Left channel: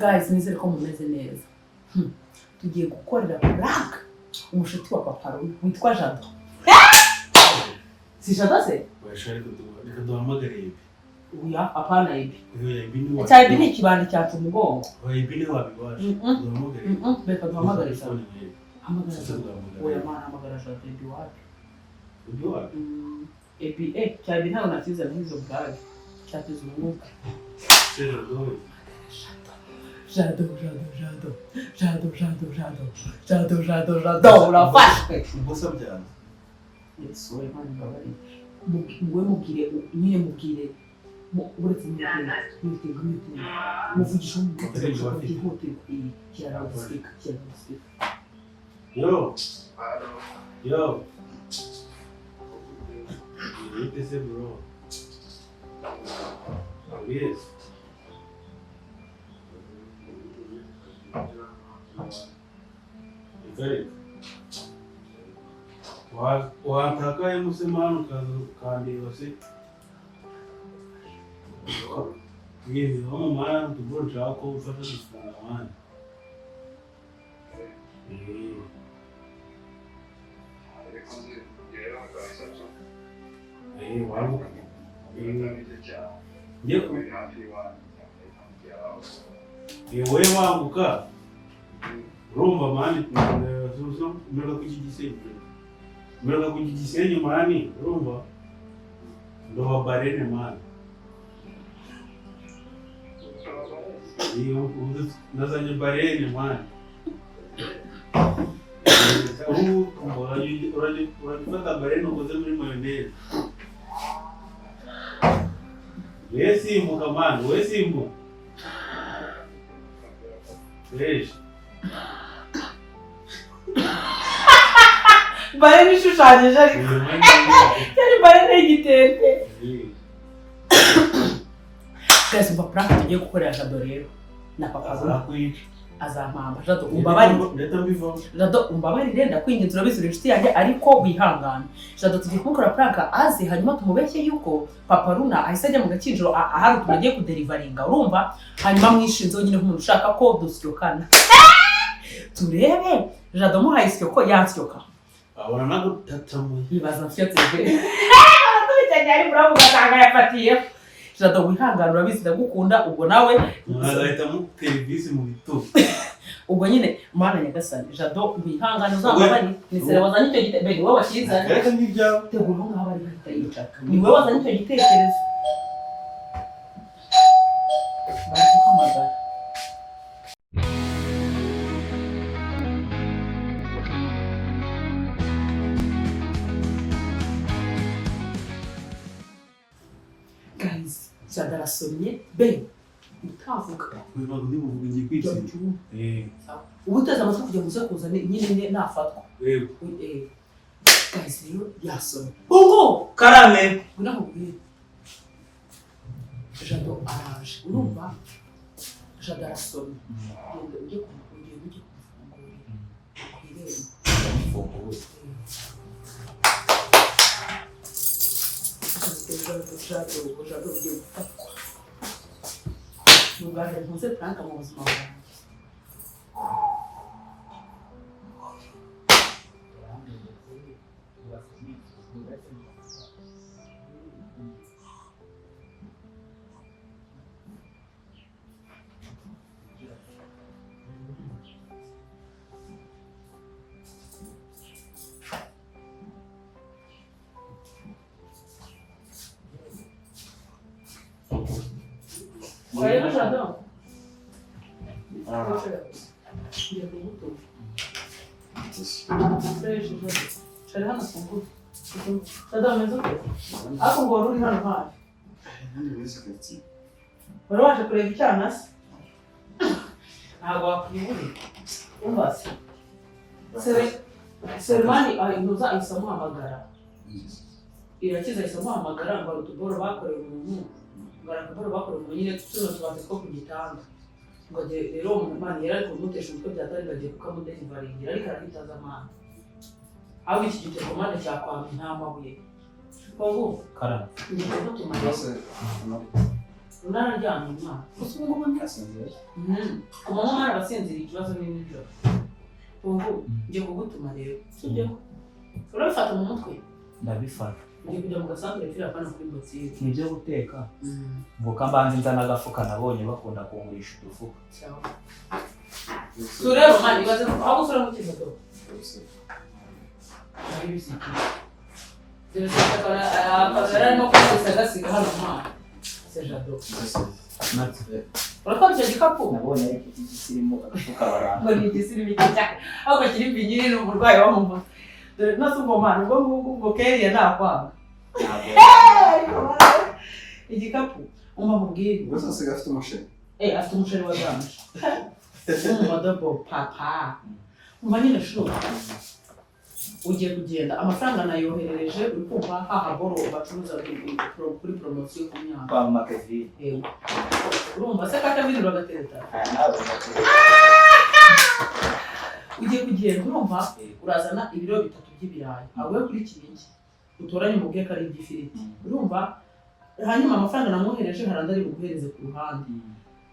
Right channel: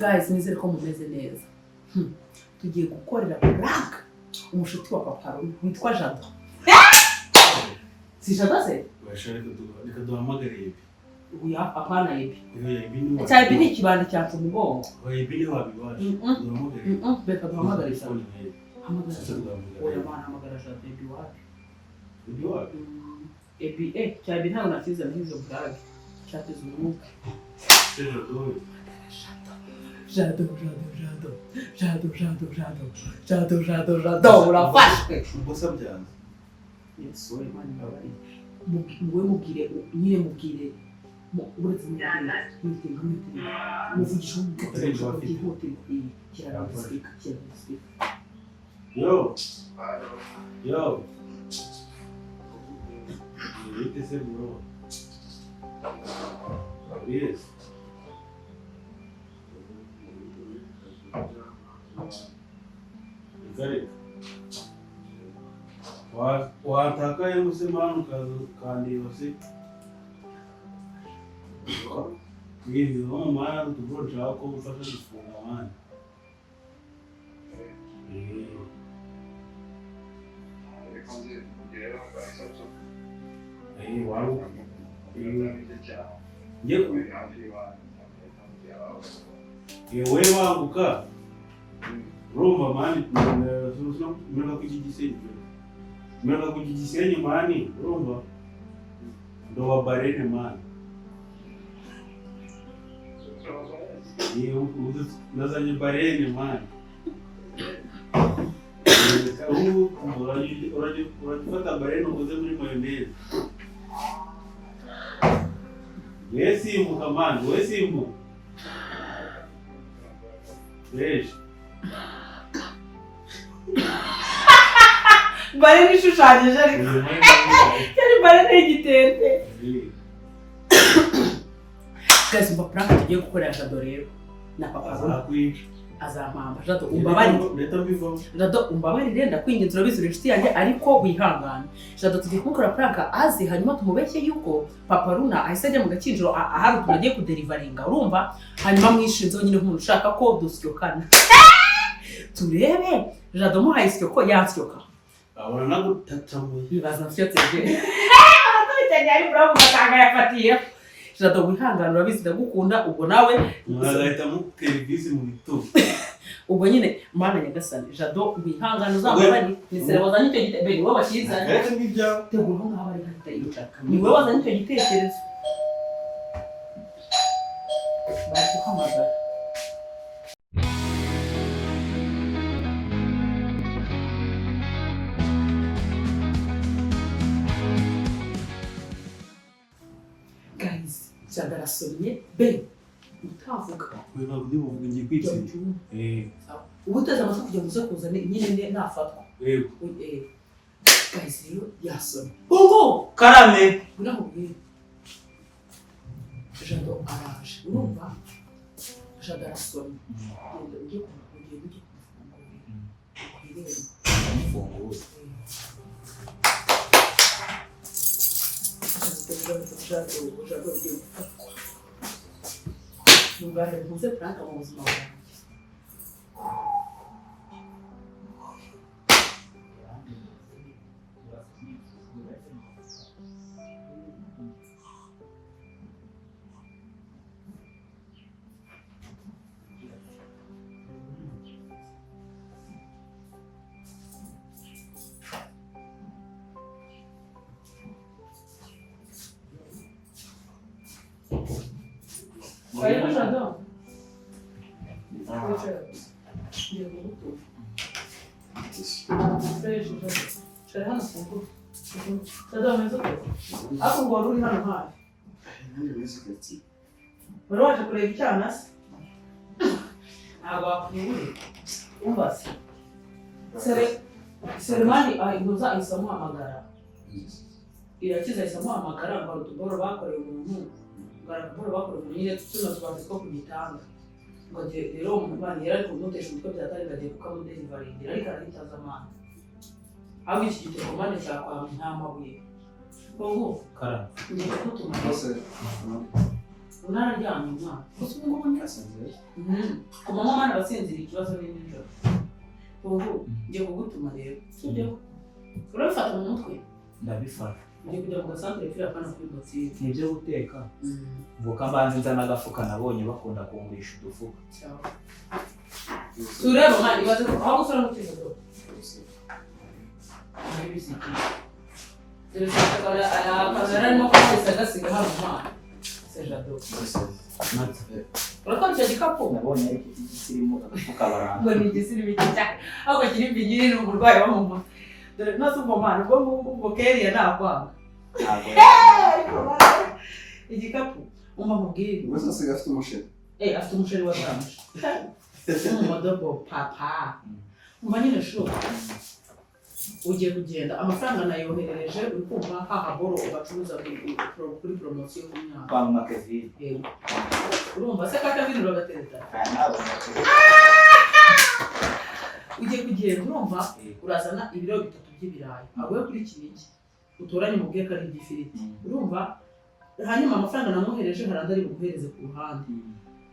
guys nizere ko mumeze neza tugiye gukorera prank umushuti wa Papa witwa Jado si Jado se reka duhamagare uya apana ibi ibi cyari ni kibandi cyacu mugongo ibi ni wabiwaje duhamagare beka duhamagare cyane oya mana hamagara Jado Eduard ebi cyari ntago nakiza n'izo brag cyatuze umwuka Jado urafashwe ubusa byane Yesu we mani ngabari muwe mubwire niye mubwire uretse n'ibintu muvugisha mu gihote kirara usika yo Esse bro. Yes. Ikari. Wataka yemusemano kandi wase. Ngizi mama tubro chako ufasha kufunga mani. Waru yewe wanguka rumba mani mera kujigisenye mani rumba ndo wabarene mani nazanye barene mani urajifata barene ukoze muri mayonnaise Wesimu kamani, wesimu. Wesh. Bare nishushanyije ariko. Yari bare n'igitente. Guys, mba prank tugiye gukorera Jado rero na Papa azampamba Jado umbabarire ndakwinginze urabizura inshuti yanjye ariko wihangane Jado tugiye kumukora prank azi hanyuma tumubeshye yuko Papa Runa ahise ajya mu gakinjiro ahari tunagiye kuderivaringa urumva hanyuma mwishinzo nyine nk'umuntu ushaka ko dusyokana turebe Jado muhaye isyoko yansyoka abona nago tatamu yibaza nsyotse tubitanye ari bravo gatanga yafatiye Jado wihangane urabizi ndagukunda ubwo nawe mwazahita mukerivisi mu bitugu ubwo nyine mana nyagasani Jado wihangane uzamubari nisere wazanye icyo gitekerezo beni wowe washiza reka n'ibya tegura nk'aho ari bahita yicara ni wowe wazanye icyo gitekerezo bari kuhamagara guys Jado arasomye beni utavuga ntabwo ndibuvuge kwitsinda ubu uteze amatwi kugira ngo uze kuza nyine nafatwa yego guys rero yasomye bongo karame ndamubwira Jado araje urumva Jado arasomye ujye kumufungurira Jado ugiye gufatwa nungane ntuze prank mu buzima bwanjye Karibu Jado. Shari hano funguro. Jado umeze ute? Ako ngo uri hano hafi. Wari waje kureba icyana se? Ntabwo wakwibure. Umva se. Selemani ahinduza isamuhamagara. Irakiza isamuhamagara ngo utuboro bakoreye umuntu. Ngara bakora nyine tuno twaje two kugitanga ngo rero umwana yari kumutesha umutwe byatari gagiye kukamuderivaringira ariko arahitaza amana aho iki gitego mane cyakwamye nta mabuye bongo karame ngiye gutuma unararyamye mwana gusa ubu ngubu asinzira ku manywa mwana abasinzira ikibazo ni nijoro ubu ngiye kugutuma rero sibyo urabifata mu mutwe ndabifata ngiye kujya mu gasantere kiri hano kuri botike ni ibyo guteka mvuka mbanza nzana agafuka nabonye bakunda kungurisha udufuka tureba mwana ibaze aho gusora mu kibazo ari bisiki akaba arimo kugasiga hano mwana sejado uratwara icyo gikapu nabonye ari iki kirimo agafuka baranga ngo ni igisirimu cyane ahubwo kiri pinyiri ni umurwayi wo mu mutwe dore nose ubwo mwana ubwo ngubwo ubwo keriya ntakwanga igikapu umva mubwire gusa asiga afite umusheri afite umusheri wa ganje umumodobo papa umva nyine shuri ugiye kugenda amafaranga nayoherereje uri kumva hahagoro bacuruza kuri poromosiyo ku myaka kwa makevini urumva se kakavini bagatereta ugiye kugenda urumva urazana ibiro 3 by'ibirayi avuye kuri kiniki utoranye mu bweka ari igifiriti urumva hanyuma amafaranga namwohereje haranda ari buguhereze ku ruhande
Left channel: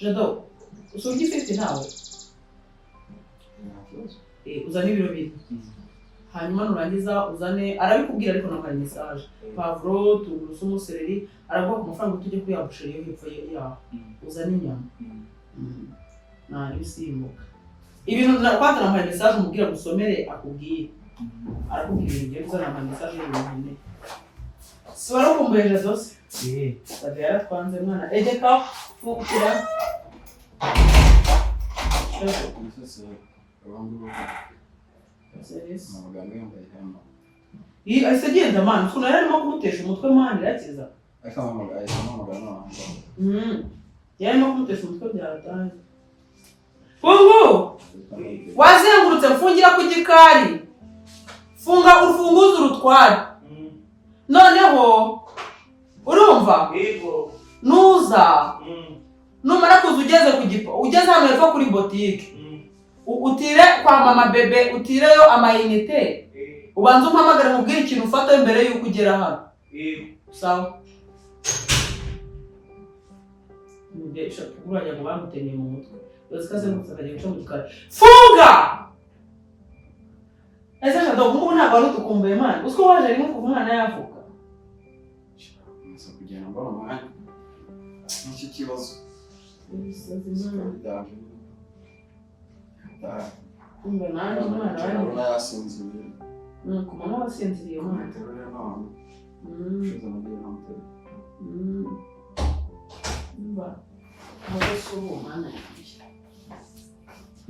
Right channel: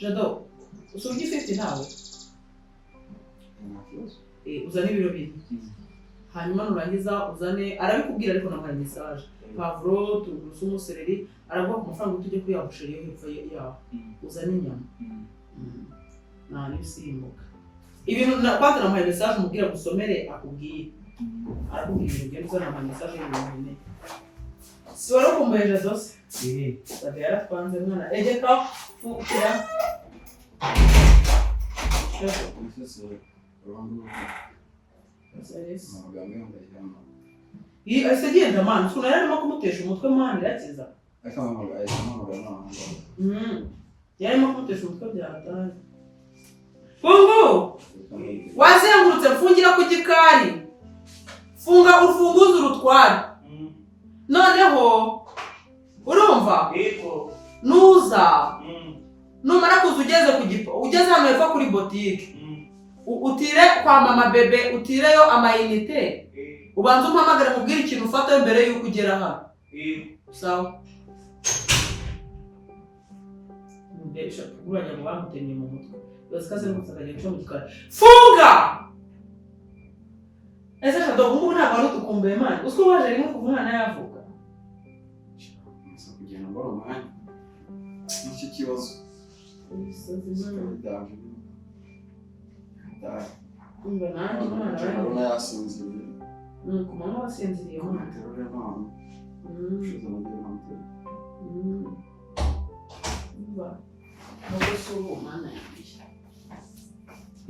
jado usoje igifiriti nawe uzane ibiro 2 hanyuma nurangiza uzane arabikubwira ariko nampaye message pavuro tungurusumu seleri araguha amafaranga tujye kuyabushira iyo hepfo yaho uzane inyama nani usimbuka ibintu nakwata nampaye message umubwira gusomere akubwiye arakubwira ibyo uzana nampaye message y'ibintu si wari ukumbuye jadose bade yaratwanze mwana egeka fukira iyi ahise agenda mwana ukuntu yari arimo kumutesha umutwe mwana irakiza yari arimo kumutesha umutwe byataye fungu wazengurutse mfungira ku gikari funga urufunguzo urutware noneho urumva nuza numara kuza ugeze hano hepfo kuri botike utire kwa mama bebe utireyo amayinite ubanza umpamagare mubwire ikintu ufata mbere yuko ugera hano sawa mbesha kurajya ngo bamutemye mu mutwe bazikaze ngusagaje cyo mu gikari funga ese shado ngubu ntabwo ari utukumbuye mwana usko waje rimwe kuva umwana yavuga nsa kugenda mbona umwanya n'iki kibazo umbe nandi mwana urabona yasinziriye ku mama wasinziriye mwana terure none ushize nagiye namutere umva nubwo si ubu mwana yanjye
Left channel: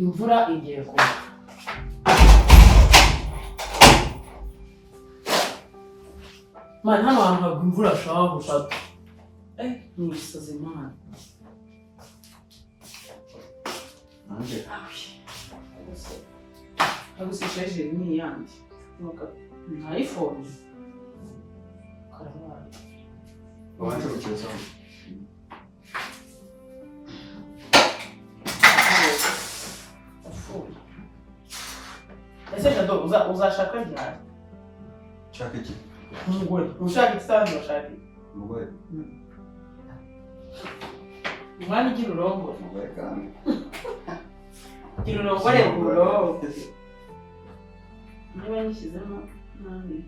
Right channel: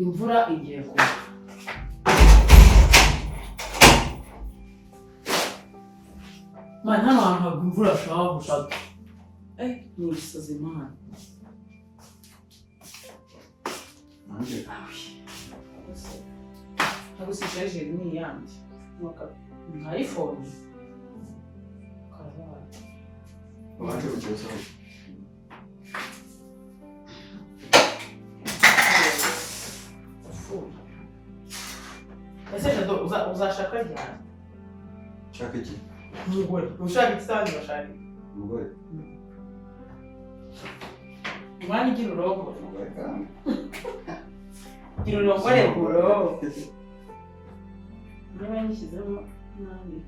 imvura igiye kuba mwana hano hantu hagwa imvura shaho bushatu ni ibisazi mwana Agusha jeje ni yandi. Nuka iPhone. Karabara. wanje ucyeza Afuye. Ese jado uzashaka ryari? chaka iki Umugore. Ushaka ikisanzwe bashaka. umugore Mwana igira urongo. umugore kandi Igira urongore buro. Niba nishyizemo nanjye.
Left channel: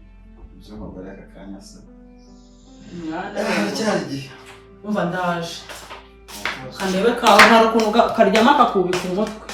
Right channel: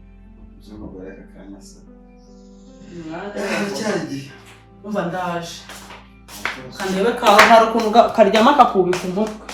by'umugore aka kanya se Mwana cyari igihe umva ndaje. Kandebe kawe hari ukuntu karyama kakubika umutwe.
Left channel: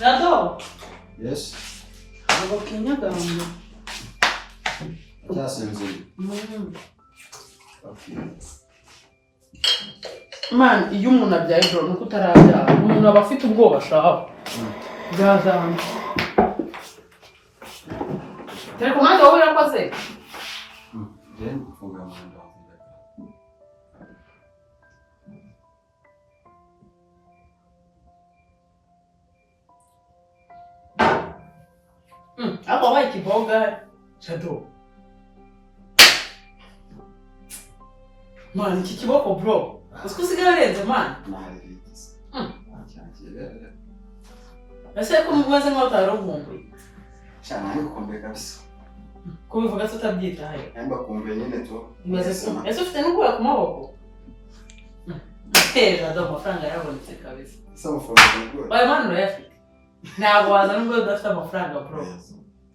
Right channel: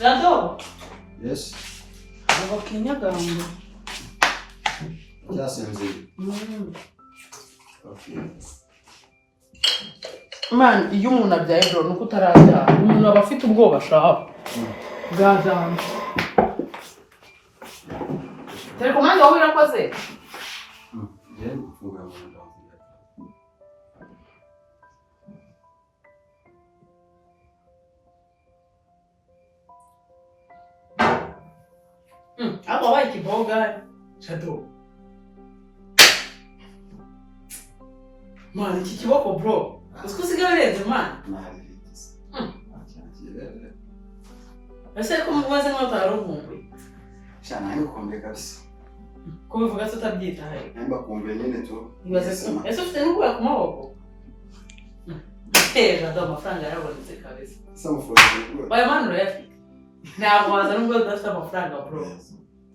Jado, yes ngo kinyagamye. cyasinziriye okay Man, iyo umuntu abyaye bro nuko utarabyara umuntu aba afite ubwoba shaka bwazanye telekomande wowe irakoze then mfungura mu nda kiboga Shadow. Man, iki kiboko bro. Usikusiga urenze man. Nahagitse. Acyangire. Ese ko mubaza nkaho utaronkumbuye. Shana ngukombe kabisa. Ko bivuga se utabyitaye. Namba kumbe nyene to. Ese ufite n'ubwoba ku maboko. Shadow amafaranga yarabonetse kabisa. Samufunda ngo. Baya man urayafite. Ntabwo waza nubwo udafite amafaranga bro.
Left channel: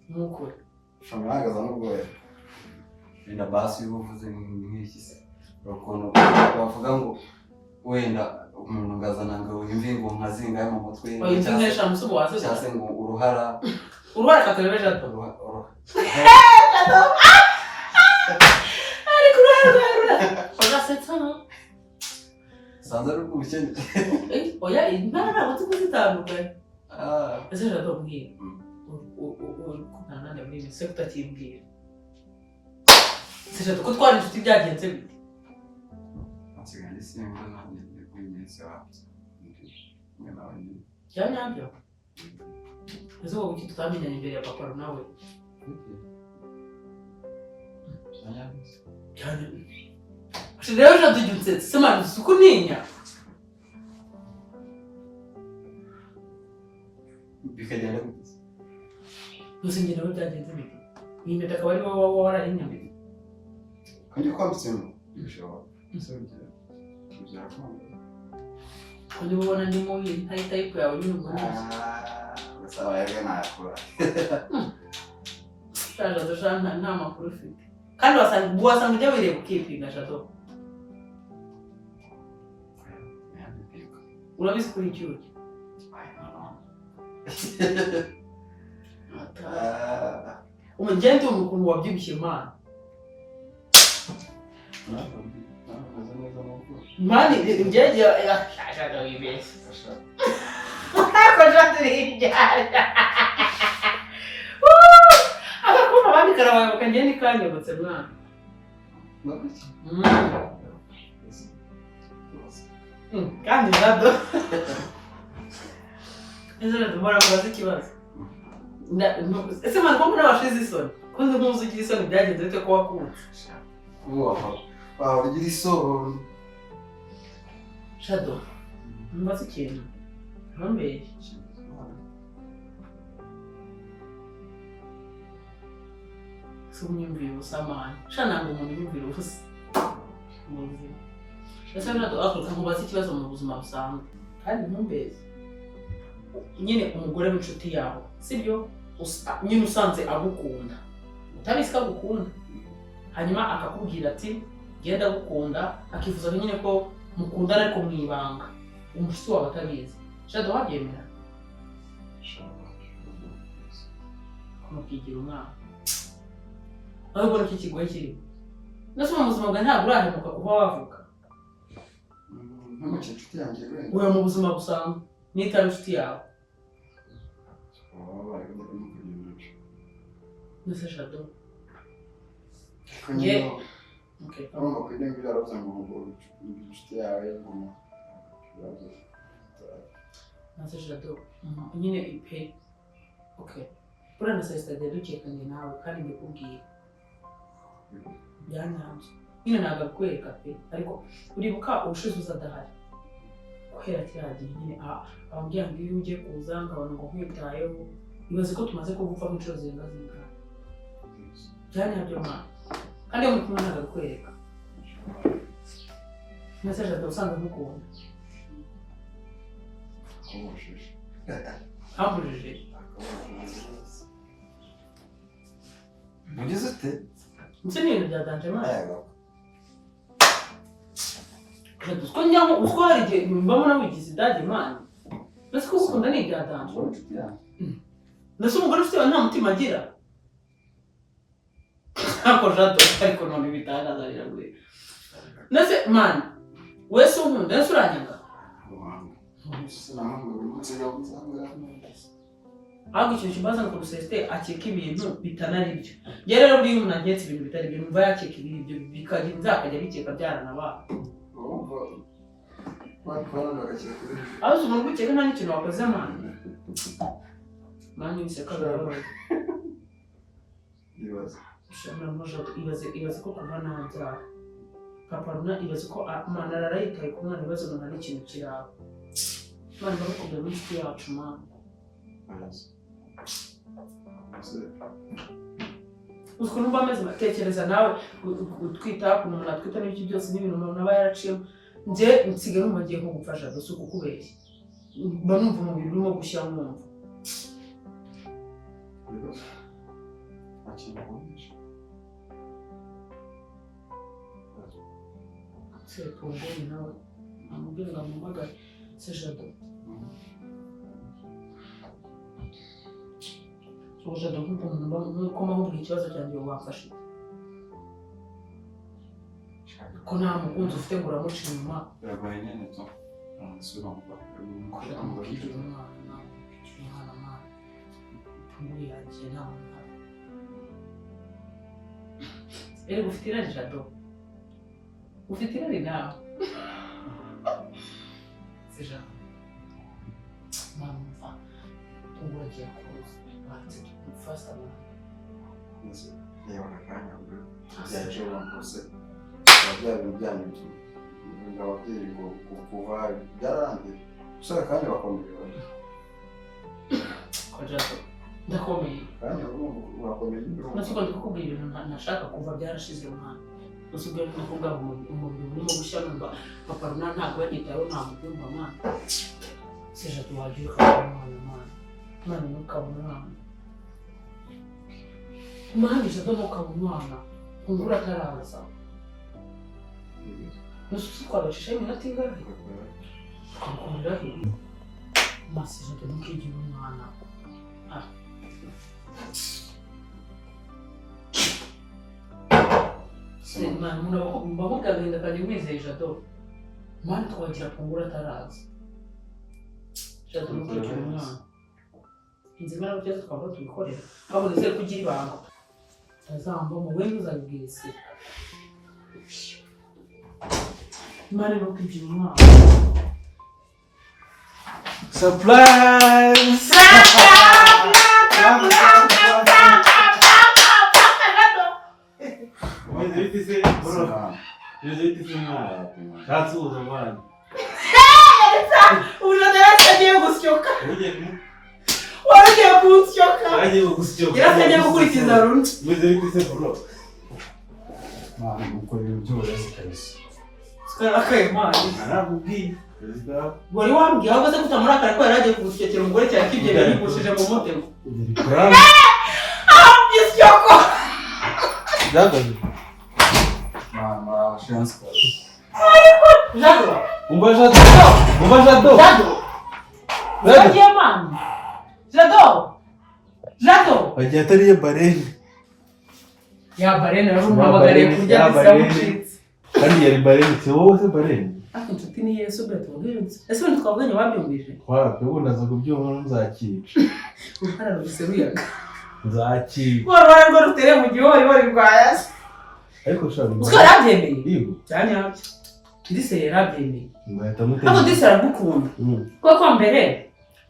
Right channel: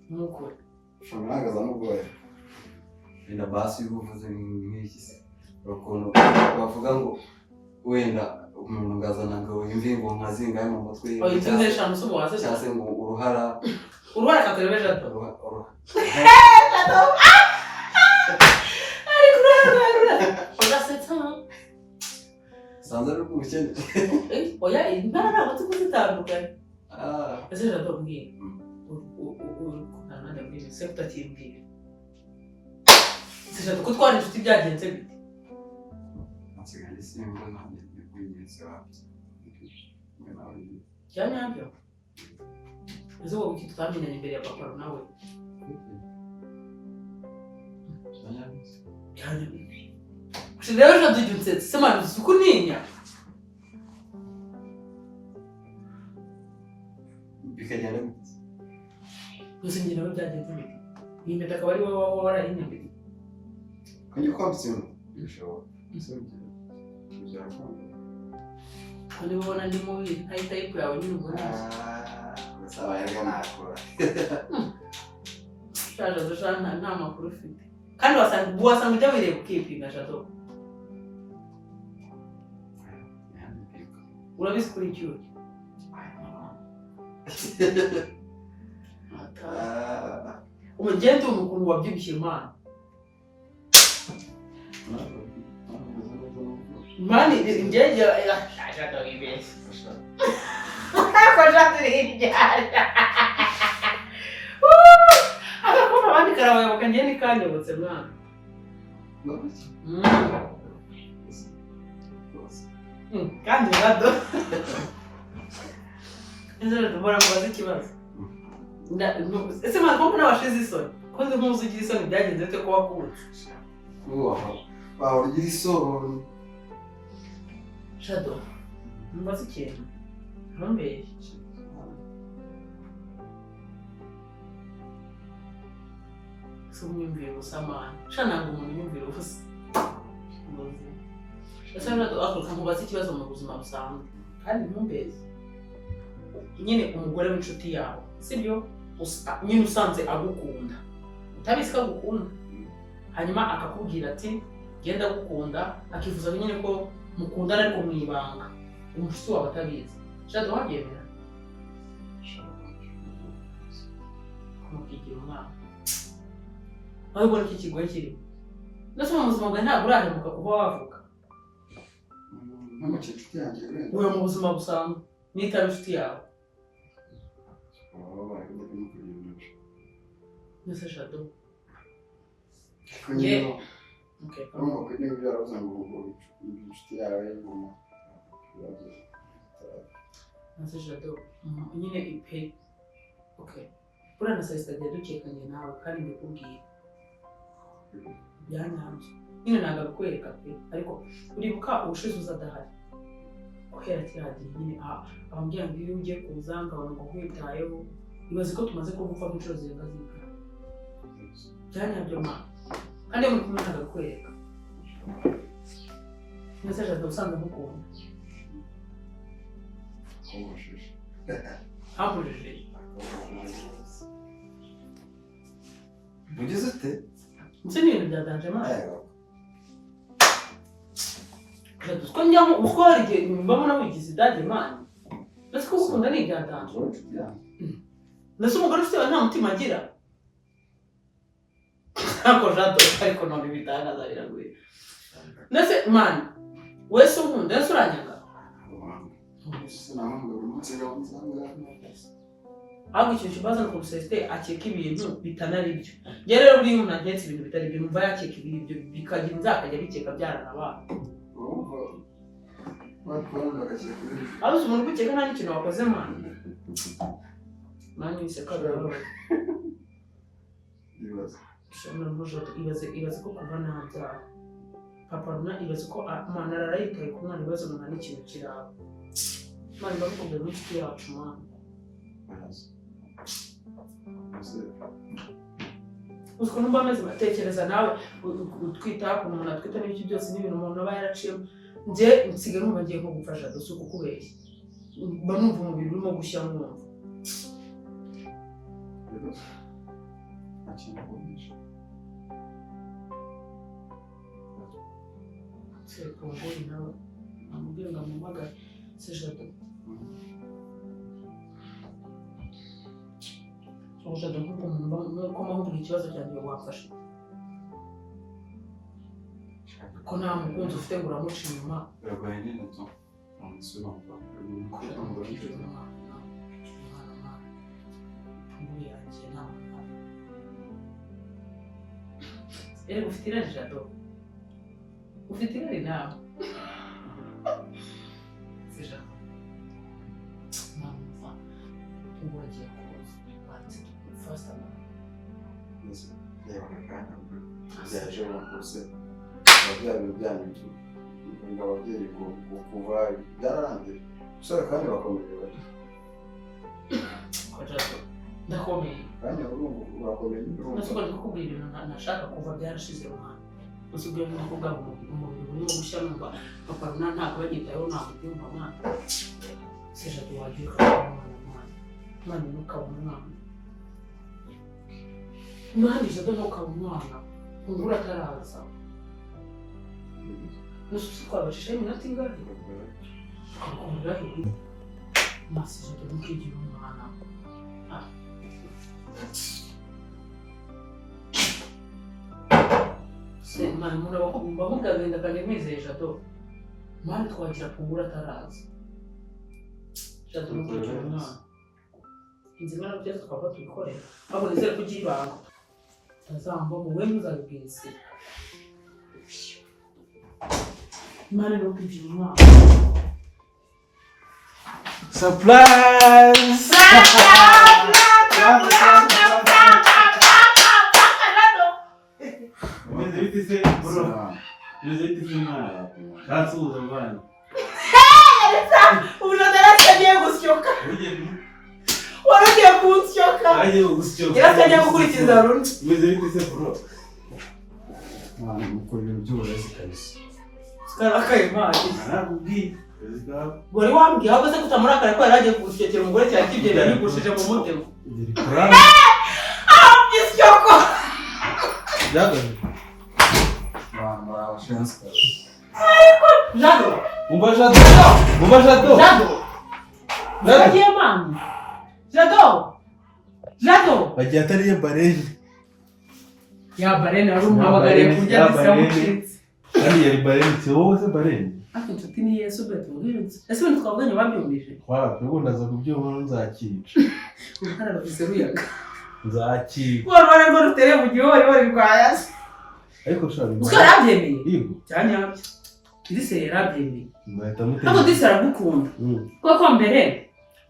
Nuko. Shamaraga za nubwo. Ina basi uvuze nk'iki se. Urukundo bavuga ngo wenda umuntu ngazana ngo imvi ngo nkazinga mu mutwe. Oya itunesha musubo waze cyase ngo uruhara kakurebe Shadow. Ari kurara. Oya setsa. Sanza rukubukene. Oya intara batuzitandukanye. Ese Shadow mbwira. Kunana ndabiri se kutakimbwira. Sija ko twari inshuti byagenze bite? Nsiganje simba n'indi kwinyetse wapi. Cyanyabyo. Ese wowe iki tutamenyanye imbere ya papa nawe? Cyanyabyo. Shideo jo dujutse sema sukuninya. Bikagenda gute? Gusa njye nawe byagenze bite? Iyi mpeta akaba ari wowe warayinyambye. Kanyo kwambitse no. Bisho. Ko niba ubona ndi mubi ntayi type yawe nyine ubwo neza. Gasaba yaga nakora. Shaje dushana nta makuru ufite. Kandi wasanga ibyo bireba ukipinga Shadow. Urabizi kuri cyuki. Umugenti umuntu wabyibushye Imana. Mani ngeje ashaka wibese. Ko jatiri. Akakoma bandi karabaye bakanje ni kanyabutse mwana. Kandi Shadow. Ese ndumva ko bazi kibazo. Ese mwana ko n'abashize isoni. Ko nzi muzi ugira isoni byagenze bite ko wakutse. Wow, ugira isoni. Shadow. Mbaza ikintu. Hambere. Sumyumvira ubusamani. Shana ngo umuntu yumvira ubusa. Muzi. Ese Shadow akuruka nkubaza ikibazo mu buzima busanzwe. Kandi ntumbeze. Nyine umugore w'inshuti yawe. Sibyo? Nyine usanze agukunda. Utabizi ko agukunda. Hanyuma akakubwira ati genda gukunda akifuza nyine ko mukundana ariko mwibanga. Umushuti wawe atabizi. Shadow wabyemera? Kumukigira umwana. Aho ubona iki kigoye kiri. Nase mu buzima bwa ntabwo urahemuka kuba wavuka. Ntamuke inshuti yanjye rero. Uyo mu buzima busanzwe nitari inshuti yawe. Nase Shadow. Kanyo. Okay. Urumva ko ibintu byaravuze ngo inshuti yawe ngoma. Nase Shadow. Nyine ipe. Okay. Urana sasa dukekanye nawe kandi ndikubwiye. Byanyanze. Nyine nagakwereka pe ariko uribuka ubushize uzadahari. Kwera cyagiye nyine abambwira ngo iyo ugiye kuza ngabana ngo nkwitayeho. Ibaze ko tumaze kugufa mu cyozo zingazinga. Byanyabyo ma. Kandi muri kumwe nagakwereka. Nase Shadow usanga mukunda. Komoshije. Hambujije. Mugeze ute? Nse ni ibintu byadanje ma. Yego. Ko njyango uswarije mbamuna wigize dade man. Nase ko ukunda ni byadanje. Nase umugore ufite nta mutima agira. Ako Shadow ariko none bitangaza riraguye. Nase man wese unkunda nase uranyanga. Ahubwo ikintu kibaza no kuruseste akeka ibintu bitanari byo. Njye rero uri umuntu agetse ibintu bitari byo numva yakeka ibintu bikagira inzakajya bikeka byarana ba. Aho umuntu gukeka nta n'ikintu wakoze man. Mani biseka barabaye. ushobora Jado ibaze ko kuva nabyara papa Runa ibaze ko mana arayitaye ku mwana ibibazo nta n'ikintu kiraba mwana bakubwira n'inshuti yacu mwana ukuntu mba ameze batekereza nawe utwita ukuntu umuntu atwita n'ibiki byose n'ibintu umuntu aba yaraciyemo njye nsigaye numva ngiye nko gupfa Jado si ukukubeshya mba numva umubiri urimo gushya mwumva Pongori nawe amubwira ngo ampamagare se Jado Jado nk'uko mpamubwira ikibazo cyanjye wafashe ko nta mukunzi ufite ngo uramuca inyuma biragoye nyine to Pongori yanjye nta muntu ere ufite irari Jado ufite irari nawe se Jado mama Pongori agiye kuza batse fasta reba akanya byaje rwose byabyo byanyu ngababyeyi kuva byararangiye usanga kandi bakomeye bari ko Jado ndakomeye kandi urakomeye nasuko ndikubwira ibintu ntashaka kuva byarashize mwana usubwiye no kuvuga umubiri urimo gushya numva papa Runa ntabwo bagitayeho nta mubyumva mwana se Jado wagira ukabona mwana ntukabona umwana Jado ntukabona umwana Pongori ataraza nususi twabashishaho iminota ingahe tukakundira masi Jado ntukigira umwana umuntu bamubwira agahinda kanjye mwizeye Jado mani twagira Pongori ataraza Jado ntukigira umwana inzima n'ababyeyi twaba tubikorera ahubwo nizere ko ugira ibanga utazamba mu we ntuzabibwira isi mani ntukigira umwana Surprise! Agiye gusyoka waragiye kunsyoka yaratangiye gukurikiza Runa mwana mukora ibintu by'uburezi kabisa sikarakaye mani Narakubwiye wari wambwiye ahubwo se kutamurakara ko yaragiye kunshyokera umugore cyane kigenda yigushije mu mutego isyoko byagaje mama chance Jado umva Jado Jado mani Jado bagiye atariye barene ya barene ari umuhamagariye kurya bisamucitse kandi yari barene si wowe se barene ariko inshuti ni Yesu beto ubwirinzi ese ibintu twavuganye wabyumvise wabyo ubu ndaza kubyumva nzakica uruhara ruseruyaga nzakica wari rwo rutere mu gihori rwayase ariko shaka uko yarabyemeye yego cyanyabyo ndise yarabyemeye ngahita ntabwo mutega ndise aragukunda kuko mbere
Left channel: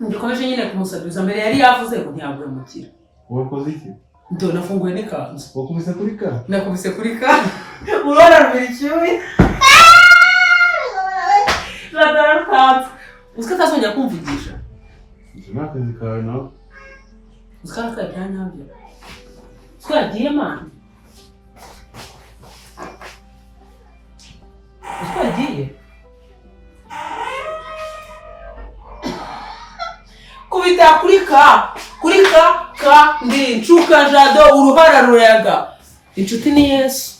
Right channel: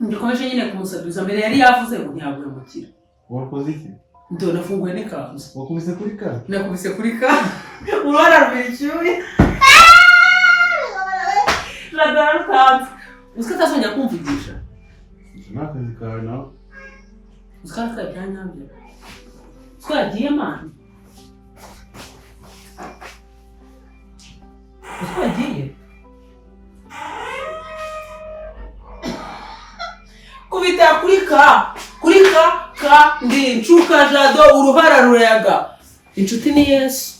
ndikomeje nyine kumusabiriza mbere yari yavuze ngo ntiyagwemukira wakoze iki ndo nafunguye n'ikanzu wakubise kuri ka nakubise kuri ka urabona rubira icyuye radaratanze uziko atazongera kumvugisha icyo ni akazi kawe nawe uziko aratwaye byanyabyo uziko yagiye mani uziko yagiye kubita kuri ka ndi nshuka Jado uruhara rurayaga inshuti ni Yesu